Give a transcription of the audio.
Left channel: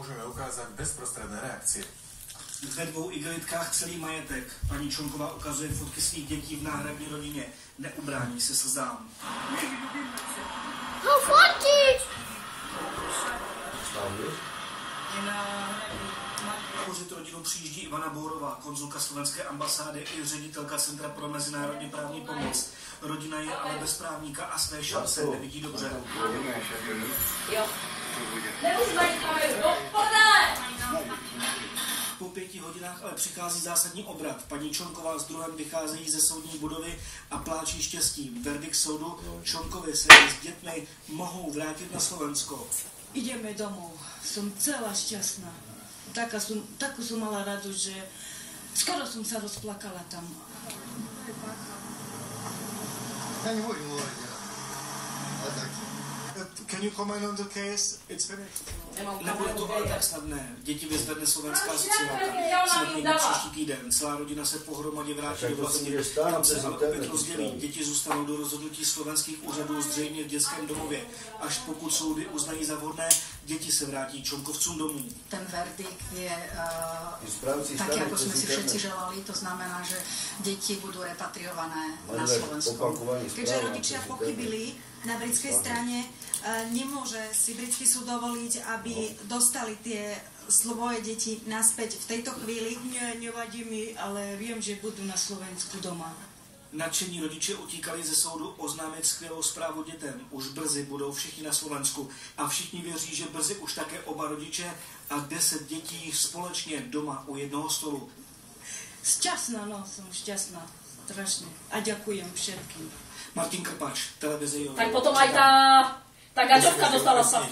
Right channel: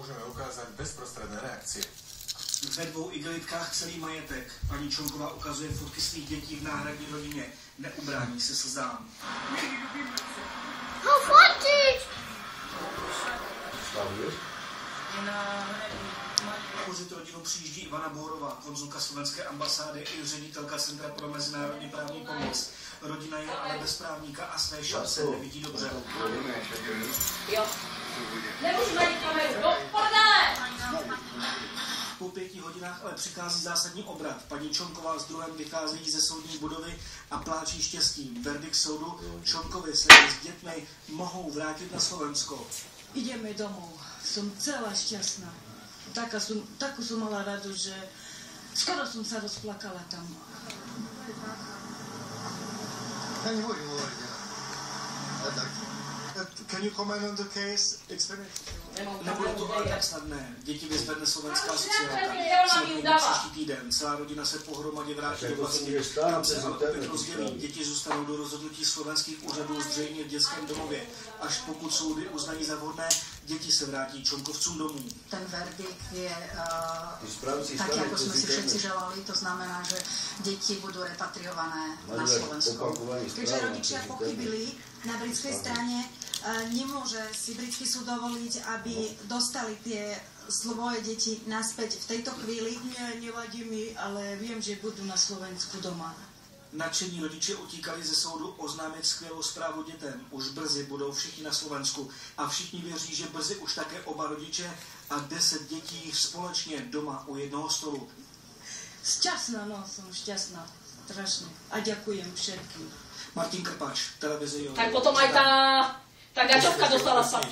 môžeme ukázať bezprostredné reakcie. Ve 2 igelitkách celý majetek. Paní Čonková ukazuje fotky svých dětí v náhradní rodině. Neubrání se slzám. No fotiť! Podpořit rodinu přijíždí Ivana Bourová, konzulka slovenské ambasády i ředitelka Centra pro mezinárodně právní pomoc. Rodina je ale bez právníka a své šance nevidí dobře. Jo. Nemůžu najít kameru, do prdele! Po 5 hodinách ale přichází zásadní obrat. Paní Čonková s druhem vycházejí ze soudní budovy a pláčí štěstím. Verdikt soudu: Čonkovi se s dětmi mohou vrátit na Slovensko. Ideme domov. Som celá šťastná. Takú som mala radosť, že skoro som sa rozplakala tam. Ja nebudem hovoriť. Can you comment on the case? It's finished. Nebude to ale tak snadné. Děti vyzvedne slovenská sociálka. Sledný příští týden. Celá rodina se pohromadě vrátí do vlasti. Tam se ale opět rozdělí. Děti zůstanou do rozhodnutí slovenských úřadů zřejmě v dětském domově. Až pokud soudy uznají za vhodné, děti se vrátí Čonkovcům domů. Ten verdikt je tak, ako sme si všetci želali. To znamená, že deti budú repatriované na Slovensko. Keďže rodičia pochybili na britskej strane, nemôže si britský súd dovoliť, aby dostali tie svoje deti naspäť v tejto chvíli. Nevadí mi, ale viem, že budú na Slovensku doma. Nadšení rodiče utíkali ze soudu oznámit skvělou zprávu dětem. Už brzy budou všichni na Slovensku a všichni věří, že brzy už také oba rodiče a 10 dětí společně doma u jednoho stolu. Šťastná, no, som šťastná. Strašne. A ďakujem všetkým. Martin Krpač, televize Jo. Tak potom aj tá gačovka dostala sa.